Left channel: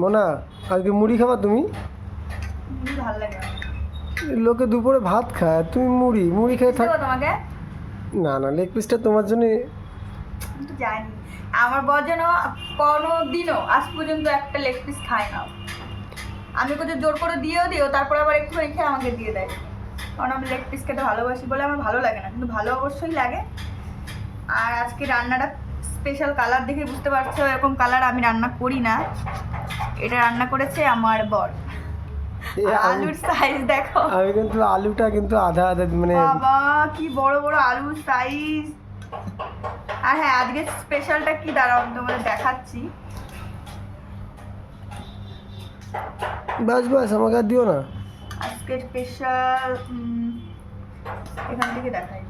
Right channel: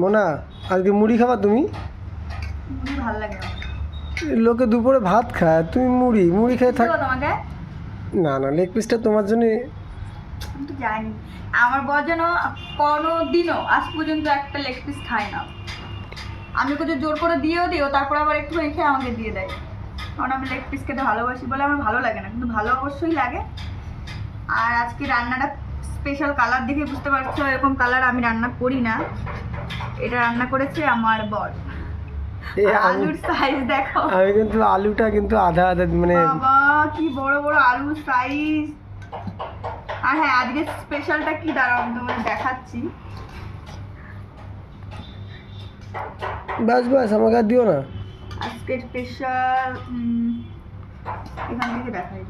মোনা, আজকে মুড়ি খাবা তুমি? মুড়ি ভালো লাগে না। লোকে দুপুরে ভাত খায়, তুমি মুড়ি মুড়ি খেয়ে থাক। দেবো তোমাকে? না না, লেগ পিসটা তোমার জন্য। আমি তো জানি আমার বর যেন কোনো দিনও আজ পর্যন্ত একটা লেগ পিস খায় না। আমি ওকে যে জোর করে দিয়েও দিও, তারপর আবার একটুখানি খেয়ে আমাকে দিয়ে দেয়। কারণ আমি লেগ পিস খেতে ভালোবাসি বলে আমার ভালো লাগে না, কিন্তু ভালো অবশ্যই লাগে। আর আজকে রান্নাটা স্পেশাল কালার দেখে বুঝতে পারছো, এরকম কালার আমি রান্না করি না। এটা রান্না করেছে আমার বর। আলুর সাইজ দেখো, আমি কিন্তু আলুটা কিন্তু আধা আধা মানে বাবা কি বড় বড় আলুর সাইজ। আর হ্যাঁ, আজকে স্পেশালটা কি দাঁড়াও আমি তোমাকে দেখাচ্ছি। বাস বাস, আমাকে আর দিও না। আজকে স্পেশাল এখান থেকে দেখাই।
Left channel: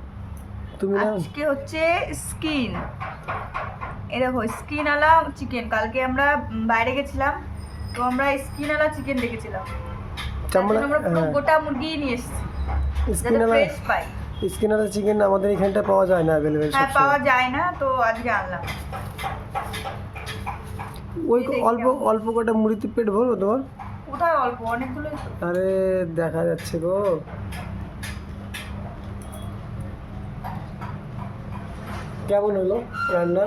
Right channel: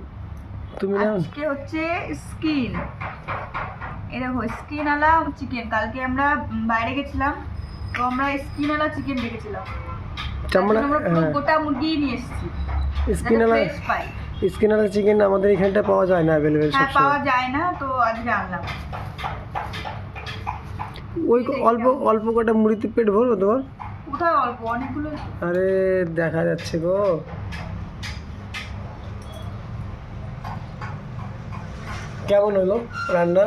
তুমি না, আজকে হচ্ছে স্কিন, এরকম স্কিন আলা চিকেন। কালকে আমরা বাইরে গেছিলাম, তো আমরা স্কিন আলা চিকেন দেখেছিলাম। চামড়া, আমরা হ্যাঁ গোটা মুরগি নিয়ে এসেছি, স্কিনালা। ফ্রেশ পাই। স্কিনালা চিকেন আমাদের এখানটা পাওয়া যায় না, অ্যাভেলেবেল হ্যাঁ, সবসময়। পাওয়া যায় না, তো আজকে আনলাম। ওই অল্প অল্প কটা মুড়িতে পেট ভরবো তোমার? কোথায় অল্প, অনেকগুলো। আরে দেখা যাচ্ছে গো। কেমন হলো রান্না?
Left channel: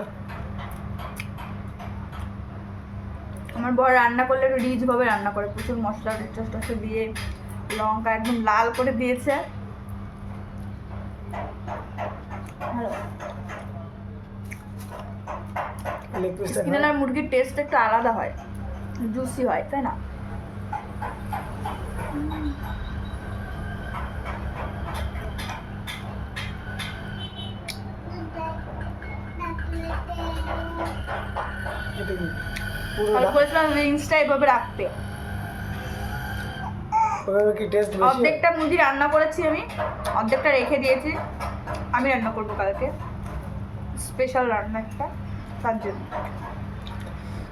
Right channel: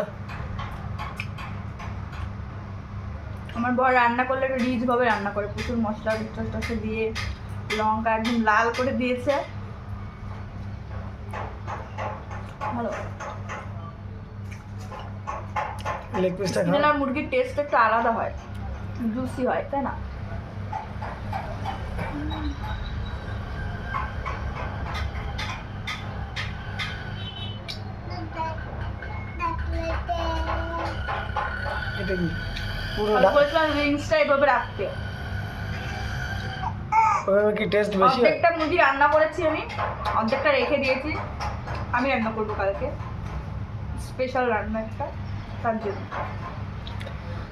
আমার বর রান্না করলে একটু রিচ ভাবে রান্না করে, প্রচুর মশলা টসলা দিয়ে লঙ্কা একদম লাল করে দিয়েছে। ভালো। লেগ পিসটা খাও। স্কিন আর মুরগির টেস্ট একটু আলাদা হয়, জুসি হয়, তাই না? এটা কি পুরো আমি বলেছিলাম রিংসটা এভাবে রাখতে। ওইভাবে কি টেস্ট বেশি হয়? অর্ধেকটা মুরগি রান্না করেছি আমি, অর্ধেকটা রেখে দিয়েছি। আমি রান্না করবো কালকে, স্পেশাল রান্না একটা, তার জন্য।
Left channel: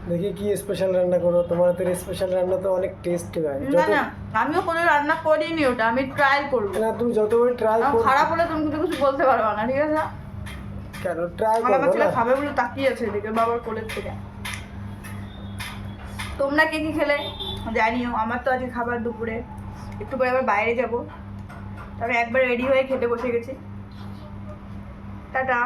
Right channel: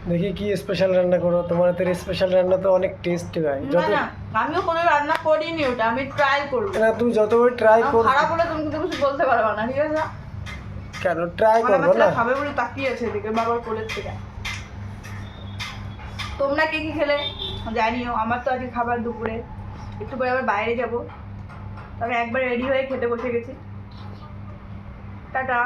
দেখি কি স্পেশাল রান্না করো, তোমার হাতের স্পেশাল রান্না তো অনেক টেস্টি হয়। না যত না, আমিও কোনো রান্না করিনি, ওটা আমি ট্রায়াল করবো। না, তুমি যতবার ট্রাই আমার করো। খারাপ হলে তুমি কিন্তু কিছু বলতে পারবে না, ঠিক আছে? কেন ট্রাই আমার করবো ছেলে না? খাবে বলে তাকিয়ে আছে এদিকে বাবার কোলের থেকে। তোমরা কে কি খেলে জানিও। আমার তো আজকে খাবার দুপুরে, একটু পরে আবার বাইরে যাব, তবে একবার রেডি হয়ে খেতে বসে গেছি। টাটা।